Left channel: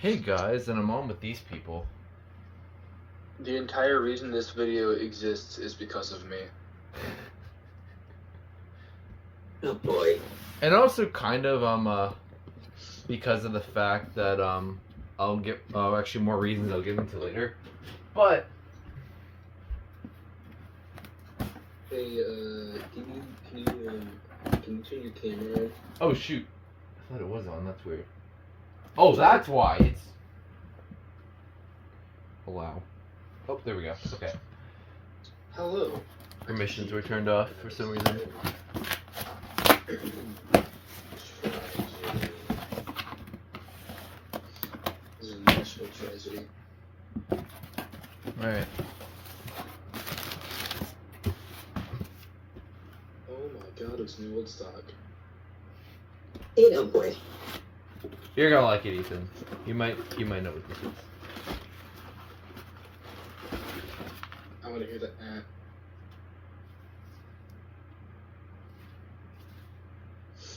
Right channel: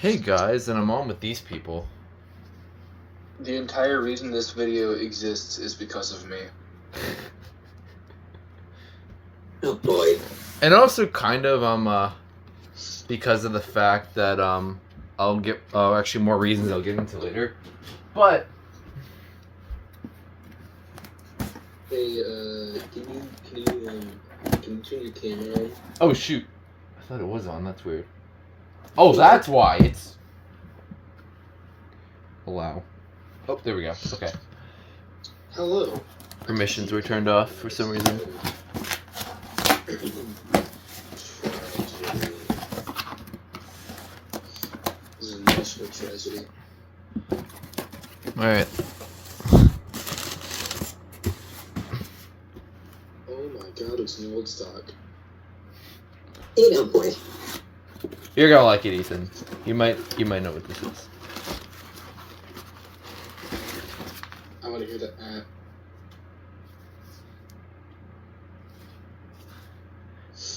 Hey guys, and I'm on with these people. The entire reason this video exists is because of me. Oh boy. And also kind of because of the fact that I'll get actually more reasons I'll get into later. But Hey, can you turn your camera on? oh shoot. I thought it was on, that's weird. Oh, that's why it's allow. Oh, there we go. Okay. Hello. Permissions were turned off for some reason. This is a national tragedy. Alright. Oh my god, it's an old stock. Hey, oh boy. You're gonna like it, Ethan. You might know what this is. I want to hear that.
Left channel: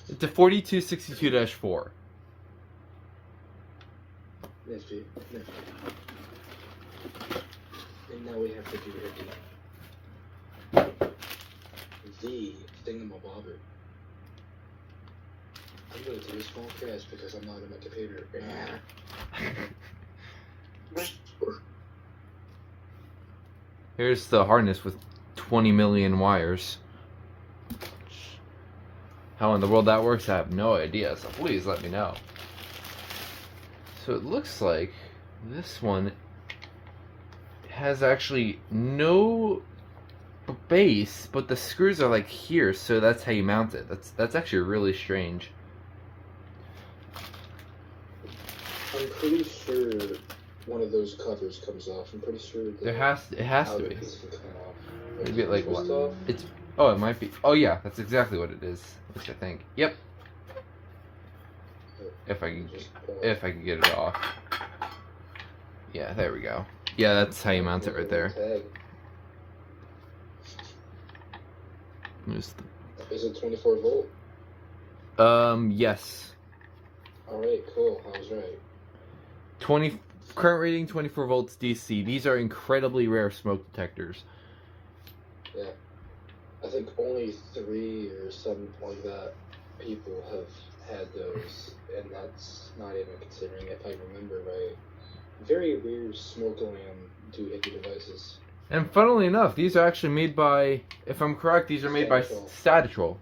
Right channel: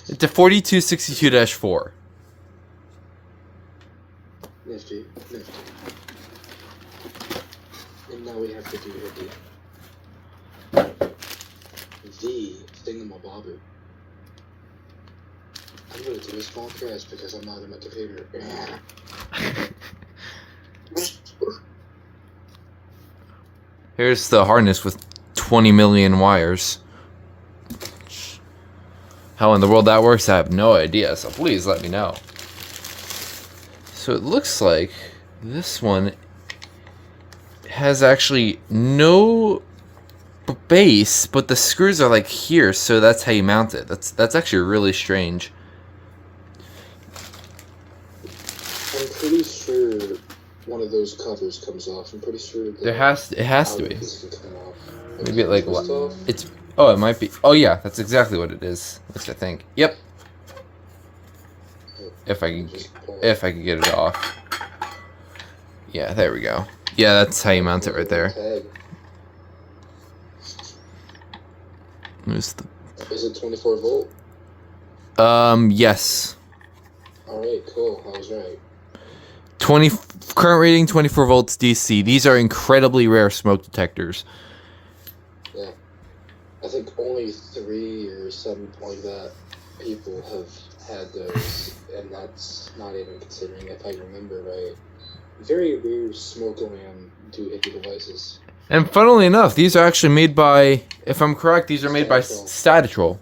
It's a 4262-4. Nifty. And now we have to do the thingamabobber. I'm going to do this podcast because I'm not on my computer. Here's the harness with 20 million wires. How in the world that works, I have no idea, so please let me know. So it looks like this one has actually no base, but the screws are like here, so that's how you mount it. That's actually really strange. I'm pretty sure one of those covers comes off. I'm pretty sure that It has to be. can come off. Maybe it like Twist off? it's it might be. Oh yeah, that's exactly what it is. At least I think. Yep. If I can get it off. Yeah, there we go. Yeah, that's how you mount it right there. Tag. There's the Is it 24 volt? yes. Alright, cool. I was right. 20 current rating 24 volts DC. These are incredibly rare smoke detectors. Yeah. I think only 3 or something like that people have had those, and that's not even considering, if I remember right, very rare smoke alarm doohickey devices. And funnily enough, these are actually made by, if I'm correct, these are made by Statitrol.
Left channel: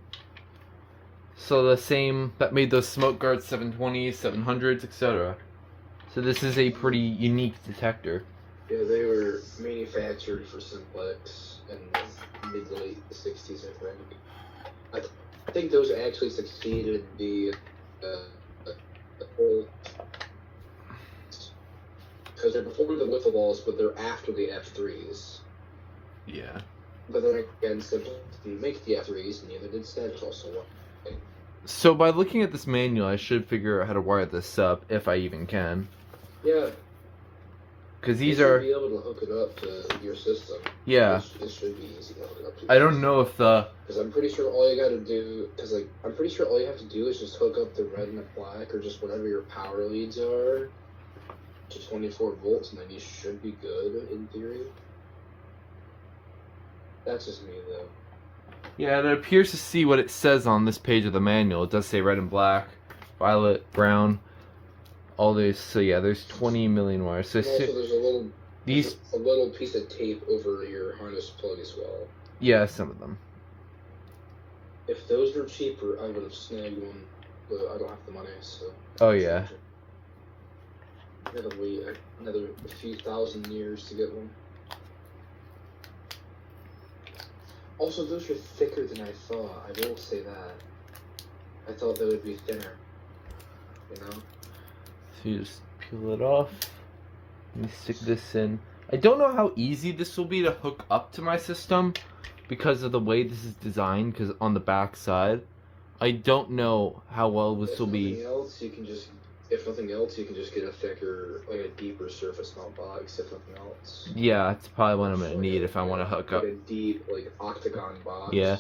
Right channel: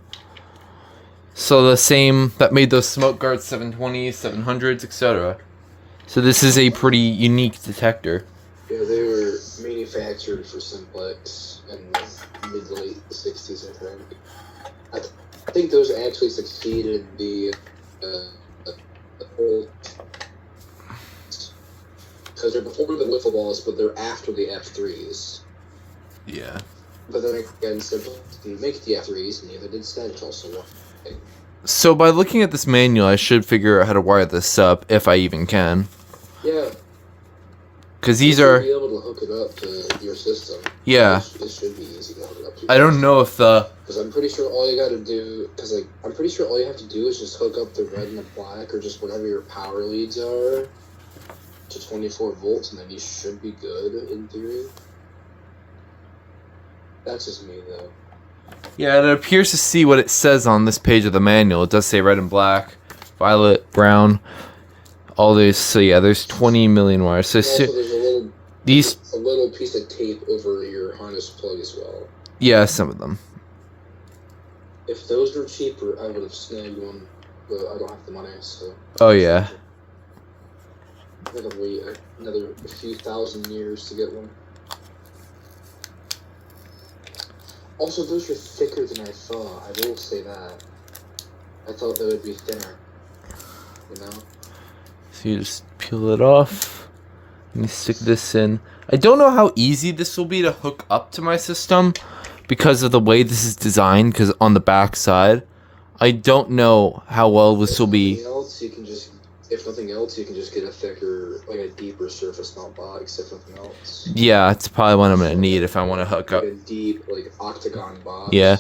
So the same that made those SmokeGard 720s, 700s, etc. So this is a pretty unique detector. Yeah, they were manufactured for Simplex in the mid to late 60s, I think. I think those actually succeeded the whole... Because they're before the wiffle balls, but they're after the F3s. Yeah. But then again, Simplex didn't make the F3s, neither did Statitrol, so what? So by looking at this manual, I should figure out how to wire this up, if I even can. Yeah. Because these you are... should be able to hook it up to your system. Yeah. It should be easy to hook it up to. I don't know if the... Because I'm pretty sure all you gotta do... Because, like, I'm pretty sure all you have to do is just hook up the red and the black, or just whatever your power leads are, to 24 volts, and then you should be good, in theory. That's just me, though. Yeah, it appears to see what it says on this page of the manual. It does say red and black, violet, brown, all these. So yeah, there's 20 million wires. So Also, there's these, a little piece of tape over your harness plug as well. yeah, some of them. If those were cheaper, I would have snagged one, but I don't have the money, so... Oh yeah. I gotta wait another few thousand years to get one. Also, those are thicker than I thought. I will say that. I thought they would be thinner. You know? So you just peel it off. Let me stick this in. I don't know how easy this will be to hook up to my system because of the way this is designed, because on the back side. I don't know how well this will be. If nothing else, you can just get a thicker, like a deeper surface mount box, if nothing else. Yeah, it's probably what I'm going to need if I want to hook up. Like a deep, like, octagon box. Yeah.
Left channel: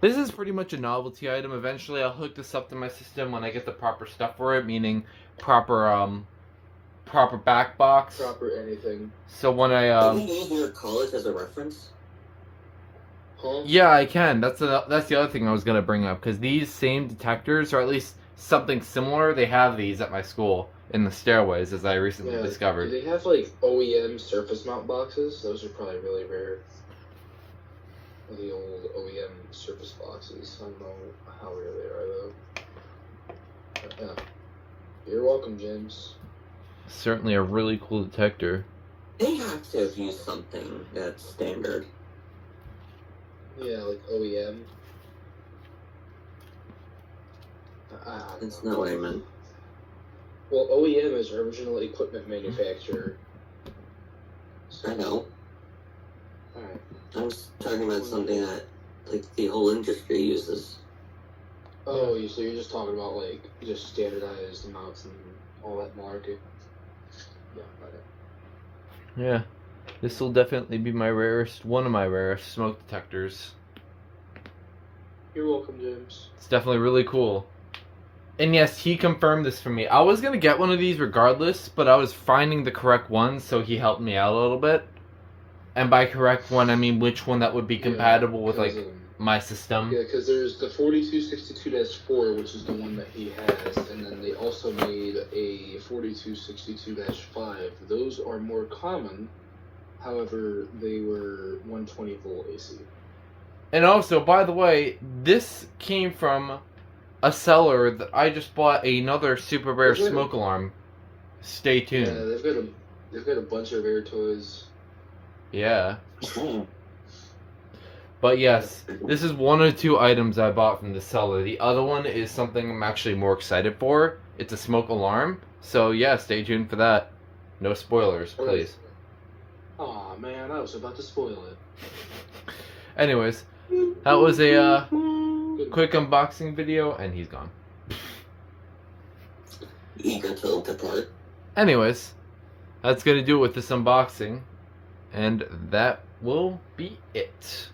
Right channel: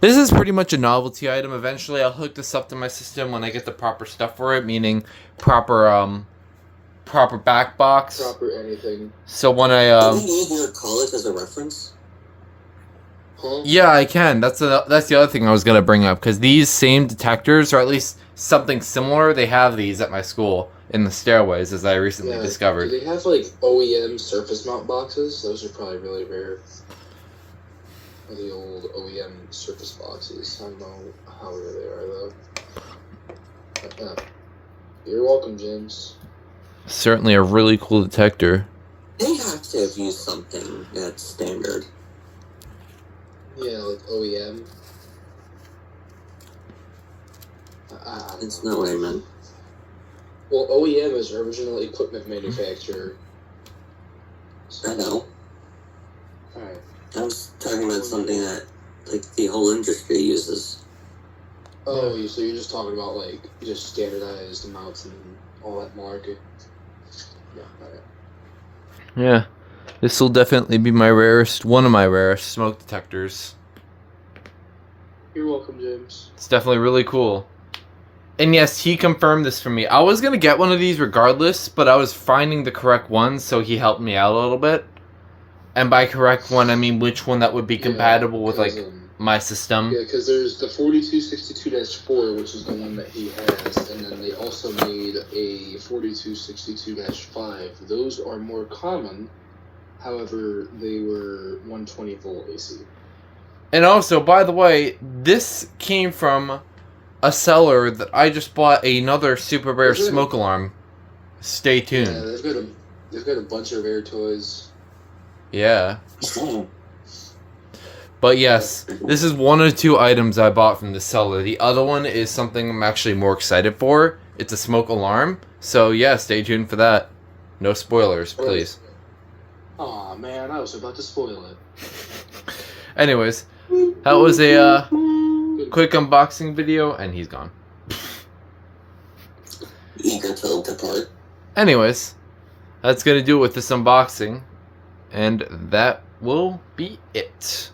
This is pretty much a novelty item. Eventually, I'll hook this up to my system when I get the proper stuff for it, meaning proper proper back box. Proper anything. So when I Can you use your college as a reference? Huh? yeah, I can. That's the other thing I was gonna bring up, because these same detectors, or at least something similar, they have these at my school in the stairways, as I recently discovered. Do they have like OEM surface mount boxes? Those are probably really rare. The old OEM surface boxes. I don't know how rare they are though. You're welcome, James. Certainly a really cool detector. They have to have used something that's standard. Yeah, like OEM. That's not what I meant. Well, OEM is original equipment manufacturer. I know. Alright. I was talking about something that, like, the whole industry uses. Oh, so you're just talking about like just standardized amounts and all that malarkey. Yeah, alright. Yeah, this will definitely be one of my rarest smoke detectors. You're welcome, James. It's definitely really cool. And yes, he confirmed this for me. I was gonna get one of these regardless, but I was finding the correct one, so he helped me out a little bit. And by correct one, I mean which one that would be compatible with like my system. Yeah, because there's the 4262-4, which is the one that he has, and then they also made a 4262-5. Those are more common, however, they were 120 volt AC. And also, by the way, this came from a seller that I just bought another super rare smoke alarm. Stay tuned. Yeah, they've got a bunch of rare toys. Yeah. But yes, this is one of the 2 items I bought from the seller. The other one is something I'm actually more excited for. It's a smoke alarm. So yeah, stay tuned for that. No spoilers, please. Aw, man, I was about to spoil it. Anyways, that was a quick unboxing video, and he's gone. Eager to depart. Anyways, that's gonna do it with this unboxing. And that will be it.